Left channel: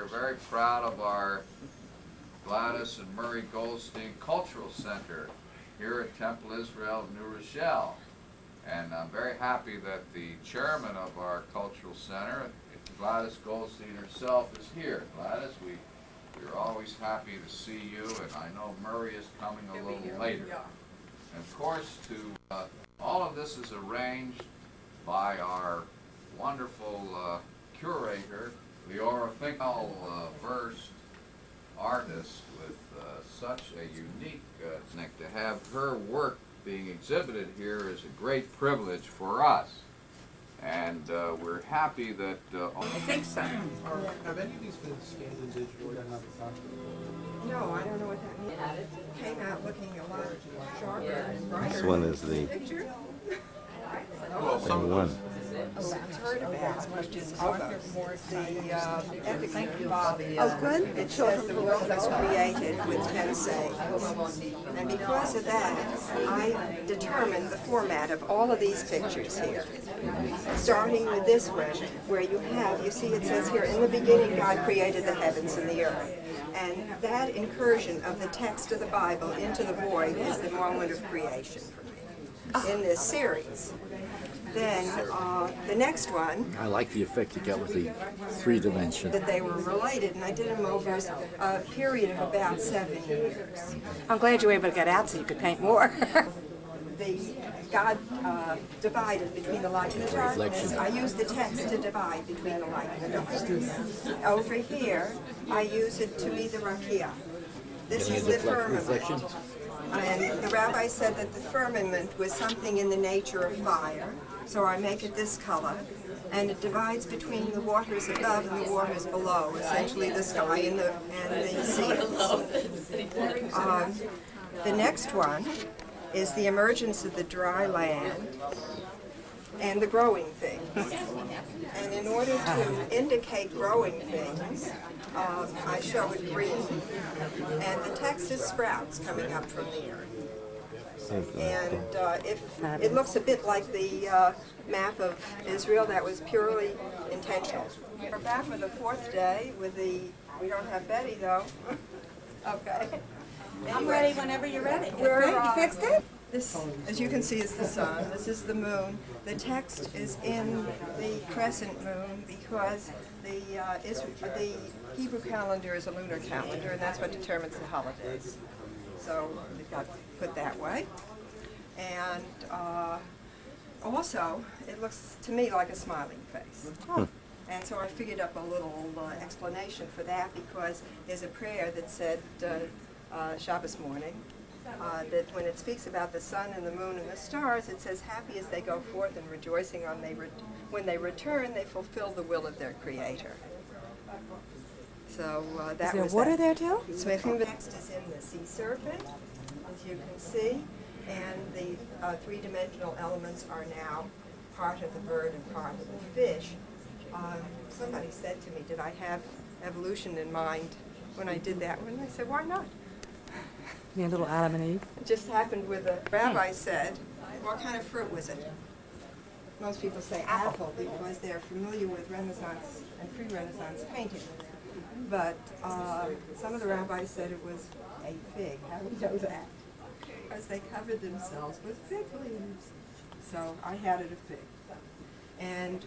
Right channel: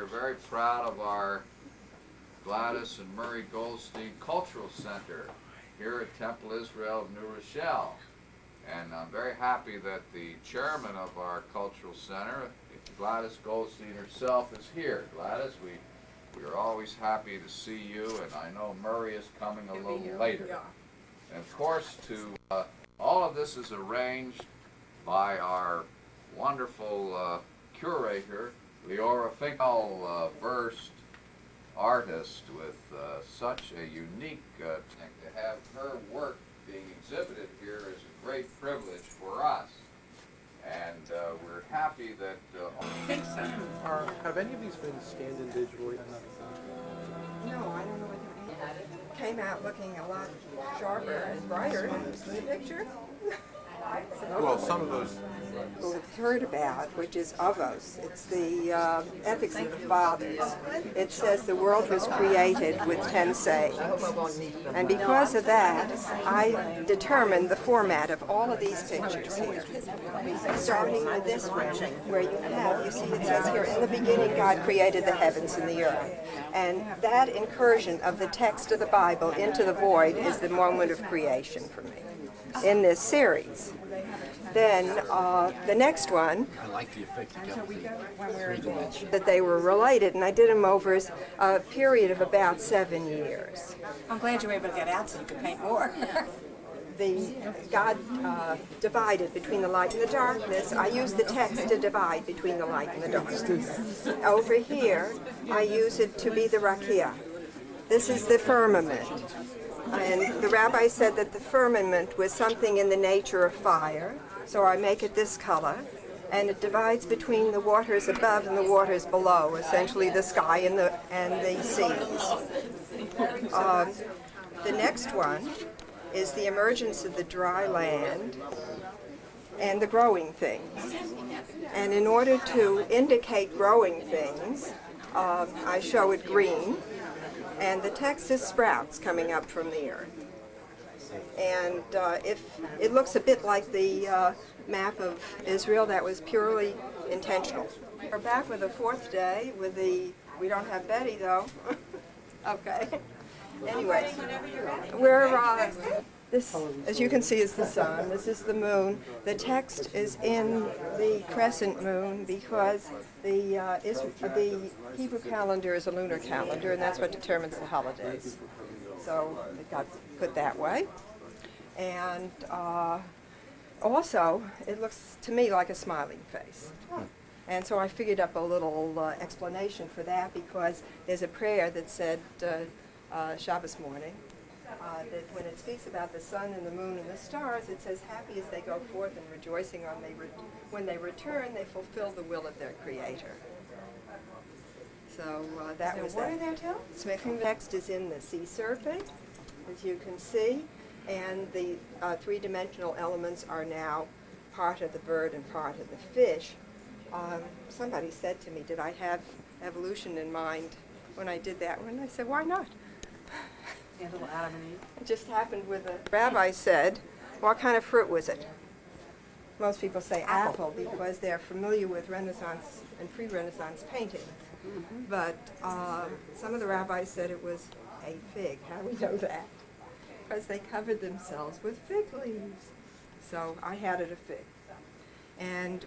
we're very proud of our Gladys and Murray Goldstein Cultural Center here at Temple Israel of New Rochelle. And I'm very happy that the chairman of our cultural center, Gladys Goldstein herself, is here. Gladys, we are always happy to see you, and I know Murray is coming a little later. And of course, all of this is arranged by our wonderful curator, Leora Finkel, versed artist with such a unique thing. To have her work being exhibited here is a great privilege for us. And we're happy that... I think so. Have any of these been scanned individually? No, I don't know what that means. It came out looking a lot sharper and brighter. This one is the Picture? one. I've heard about, which is of us. It's the ethics of Oakland. It says the world was created with 10 sayings. And because of that, I determined the format of all of these pictures here. Starting with this one, where you see it says here, in the beginning God created the heavens and the earth. And that incursion of the text of the Bible into the void is the moment of creation for me in this series. Then the next one, I like the effect you got with the 3-dimension. that they were related, and I did them over a period of about 7 years. I'm glad you were able to get out so you could paint more. God divided between the light and the darkness. I use the text to divide between the light and the darkness. Over here, I use it to be the rakia. This is the firmament. And the rabbi said that the firmament was something in the nature of fire, so I make it this color. And it divides between the waters above and the waters below, essentially the sky and the seas. The next one is the emergence of the dry land and the growing things. And in order to indicate growing things, I show it green, and the text is sprouts coming up from the earth. And if it looks a bit like the map of Israel, that was purely intentional. We're back with the fourth day with we don't have Betty though. Okay. Anyway, Whenever you're ready. we're this, as you can see, is the sun. This is the moon. The text is in the crescent moon because the Hebrew calendar is a lunar calendar, and that's what determines the holidays. So it got put that way. And also, it looks to me like a smiling face. And so I figured up a little explanation for that, because there's a prayer that said Shabbos morning, that when it speaks about the sun and the moon and the stars, it says, happy as they go forth and rejoicing when they return, they fulfill the will of their Creator. So that was water that. there too? The text is in the sea serpent, as you can see, and the three-dimensional elements are now part of the bird and part of the fish. Somebody said to me, did I have evolution in mind when I did that one? I said, why not? Your little Adam and Eve. It just happened with the rabbi said, what kind of fruit was it? Most people say apple because they're familiar with Renaissance and pre-Renaissance paintings. But some of the rabbis said it was a fig. How do we know that? Because they covered themselves with fig leaves. So I had it a fig. And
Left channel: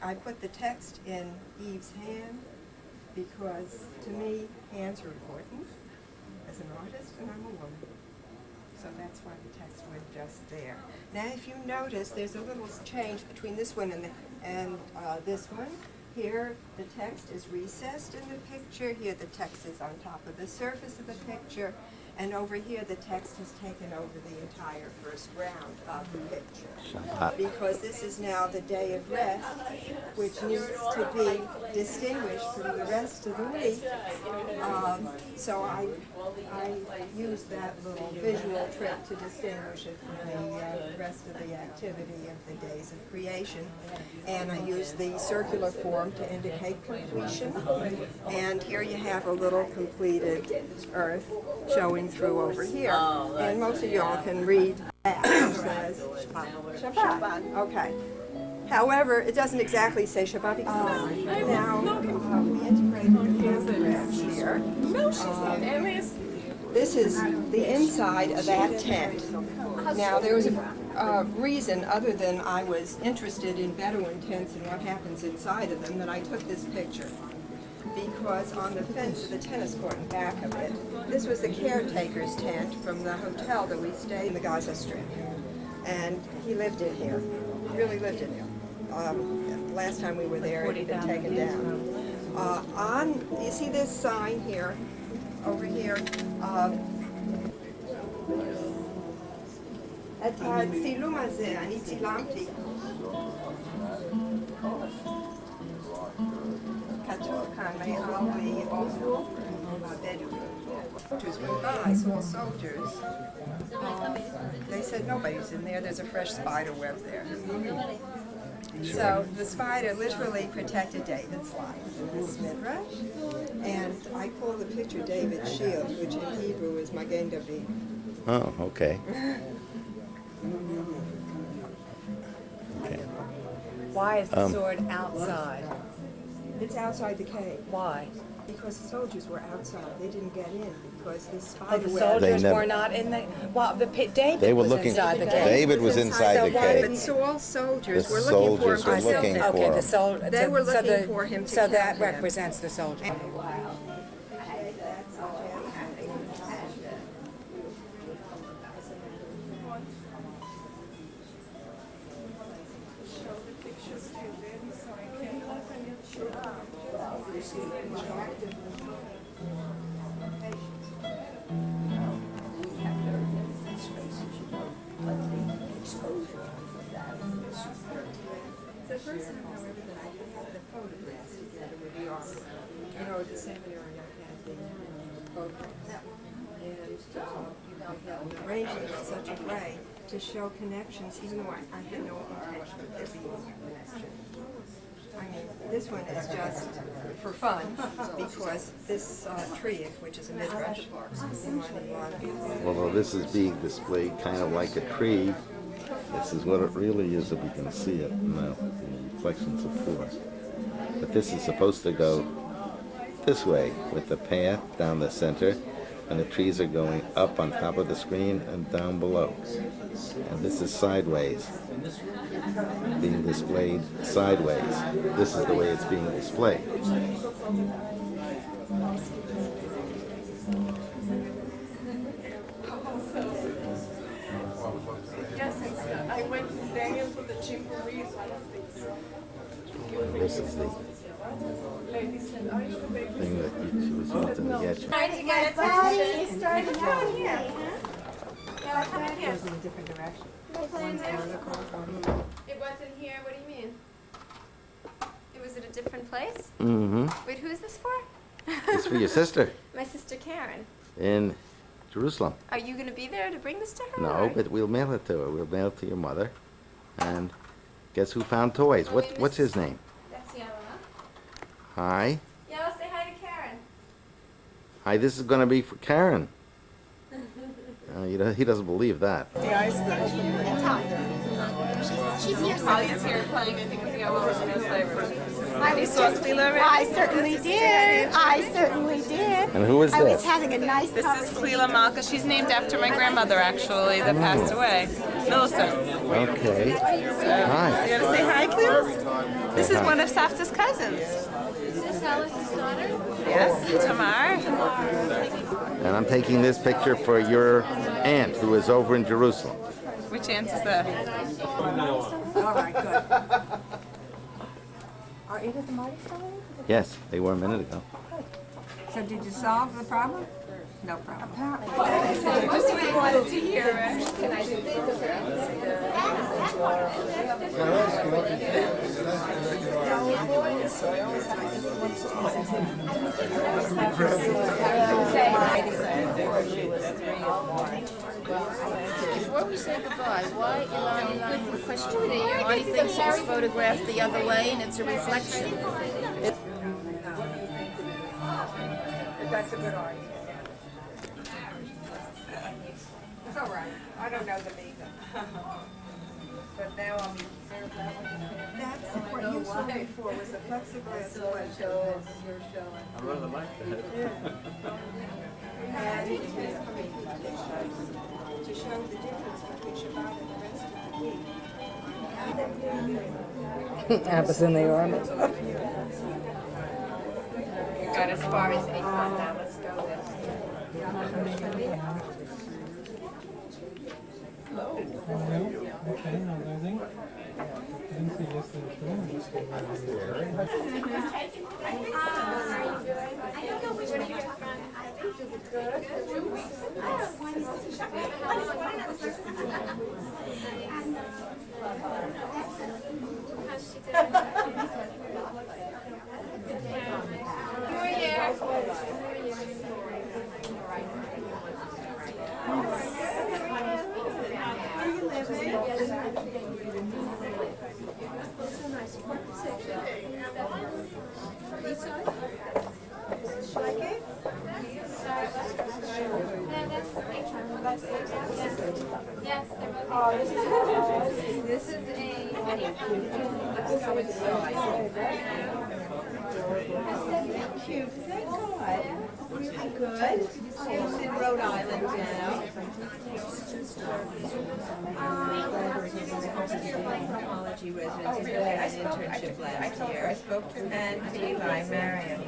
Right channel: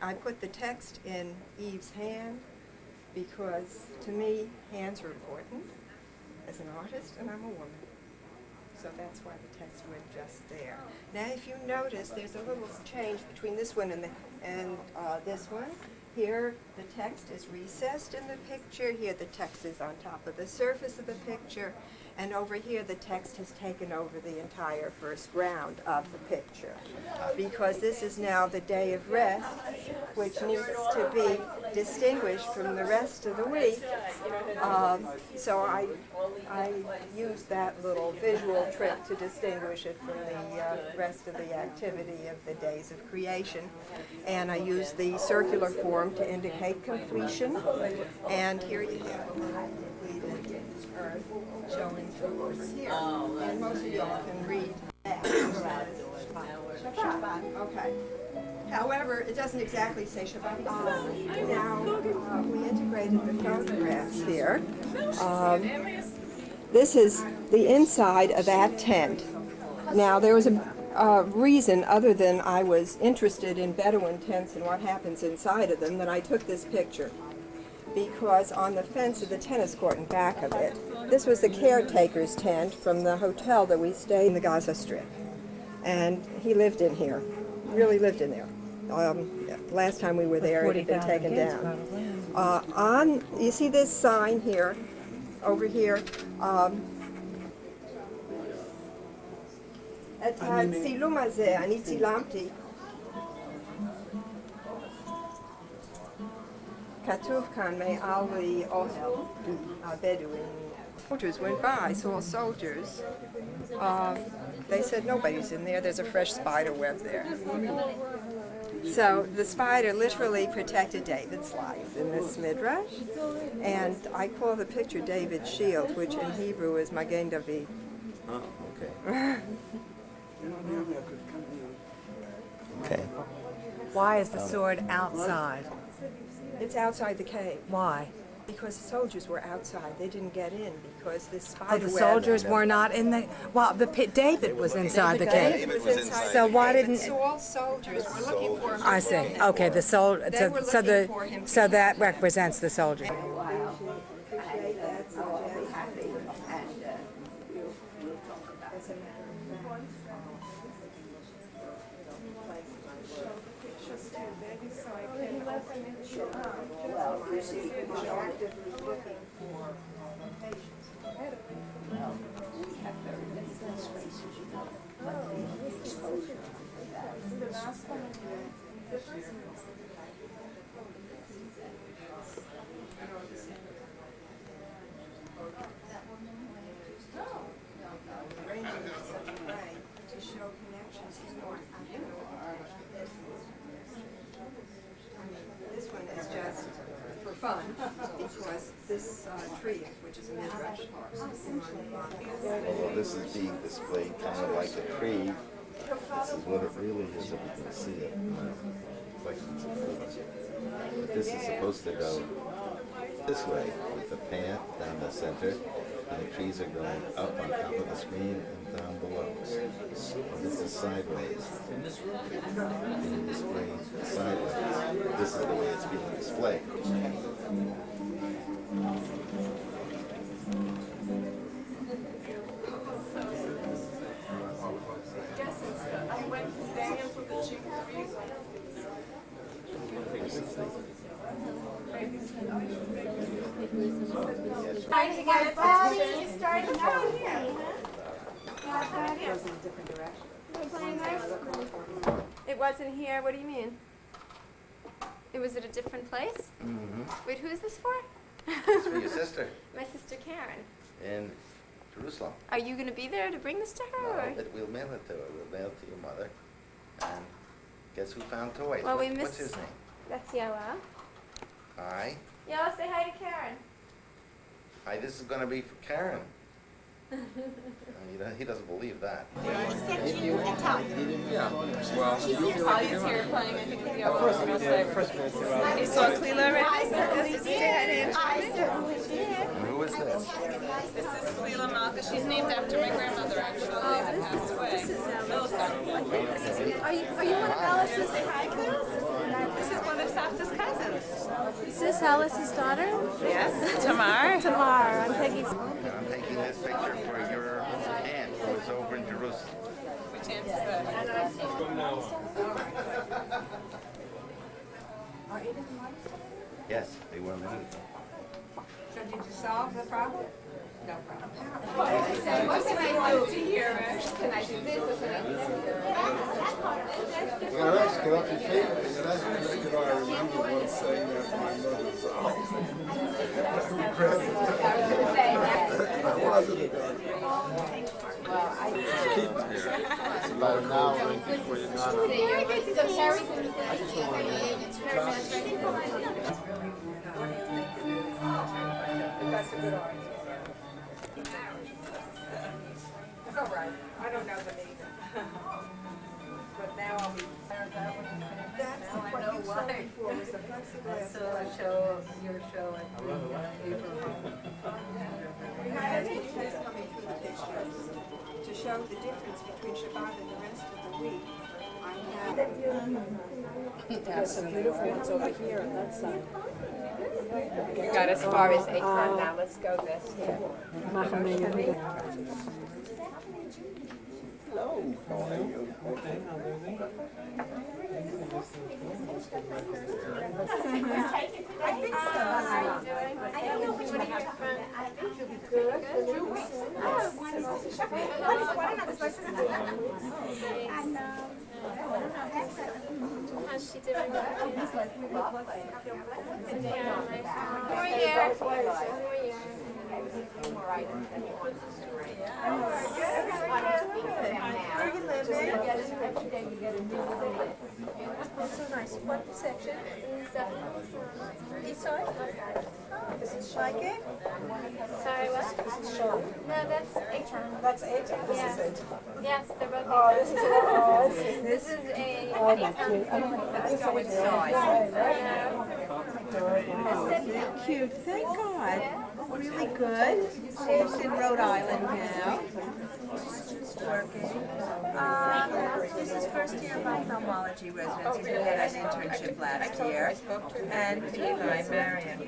I put the text in Eve's hand because to me, hands are important as an artist, and I'm a woman. So that's why the text went just there. Now if you notice, there's a little change between this one and this one. Here, the text is recessed in the picture. Here, the text is on top of the surface of the picture. And over here, the text has taken over the entire first round of the picture. Because this is now the day of rest, which needs to be distinguished from the rest of the week. So I use that little visual trick to distinguish it from the rest of the activity of the days of creation. And I use the circular form to indicate completion. And here you have a little completed earth showing through over here. And most of y'all can read that. It says Shabbat. Okay. However, it doesn't exactly say Shabbat. Now, we integrated the This is the inside of that tent. Now, there was a reason other than I was interested in Bedouin tents and what happens inside of them that I took this picture. Because on the fence of the tennis court in back of it, this was the caretaker's tent from the hotel that we stayed in the Gaza Strip. And he lived in here, really lived in there. Last time we were there, it had been taken down. You see this sign here, over here? את הצילום הזה, אני צילמתי. כתוב כאן מעל האוהל הבדואי. Soldiers went by, saw soldiers. They said nobody's in there, there's a fresh spider web there. So the spider literally protected David's life in this midrash. And I call the picture David's shield, which in Hebrew is Magen David. Oh, okay. Okay. Why is the sword outside? It's outside the cave. Why? Because the soldiers were outside. They didn't get in because this Oh, spider the web. soldiers never- were not in the. Well, the pit. David They were was looking. inside the cave. David was inside so the why cave. didn't Saul's soldiers The were looking for him? soldiers were looking to for Okay, him. the soul. They were so looking the- for him to So kill that him. represents the soldier. Arranged it in such a way to show connections, even though I had no intention of there being a connection. I mean, this one is just for fun, because this tree, which is a midrash, Although this is being displayed kind of like a tree, this is what it really is if you can see it in the reflections of force. But this is supposed to go this way with the path down the center, and the trees are going up on top of the screen and down below. And this is sideways, being displayed sideways. This is the way it's being displayed. This is the thing that she was wanting to get you. Trying to get attention. Starting down here. Yeah, come in here. Goes in a different direction. It wasn't here. What do you mean? It was at a different place? Mm-hmm. Wait, who's this for? It's for your sister My sister Karen. in Jerusalem. Are you going to be there to bring this to her? No, or- but we'll mail it to her. We'll mail it to your mother. And guess who found toys? Well, we What's his missed- name? That's Yella. Hi. Yella, say hi to Karen. Hi, this is going to be for Karen. He doesn't believe that. Holly's here playing, I think, with Yellow and Real Flavor. You saw Cleela already? I certainly did. I certainly did. And who is I was this? having a nice This is conversation. Cleela Malka. She's named after my grandmother, actually, that passed away. Millicent. Okay. Hi. You gotta say hi, Cleela? This is one of Safta's cousins. Is this Alice's daughter? Yes, Tamar. And I'm taking this picture for your aunt who is over in Jerusalem. Which aunt is that? All right, good. Are Edith and Marty still in? Yes, they were a minute ago. So did you solve the problem? No problem. Most of you wanted to hear it. Can I do this? The Carrie photographed the other way, and it's a reflection. But that's a good argument. It's all right. I don't know them either. But now I'll be. That's what you saw before was a plexiglass window. I rather like that. And to show the difference between Shabbat and the rest of the week, I had it. And it was in the arm. It's over here on that side. We got as far as 8 months now, let's go this. Okay, now there's English. I didn't say yes, there's wrong. I just said right there. How are you doing? I don't know which one you're from. Good. How's she doing? Who are you? That's so nice. What section? East side? Is this Shike? Sorry, what? No, that's A-Town. That's A-Town? Yes. Yes, they're both A-Town. This is a A-Town. Cute, thank God. Really good. She's in Rhode Island now. This is first year of ophthalmology residency. She had an internship last year. And Eli, Marion.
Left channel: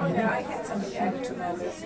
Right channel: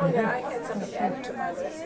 Oh, yeah, I had some of that tomatoes.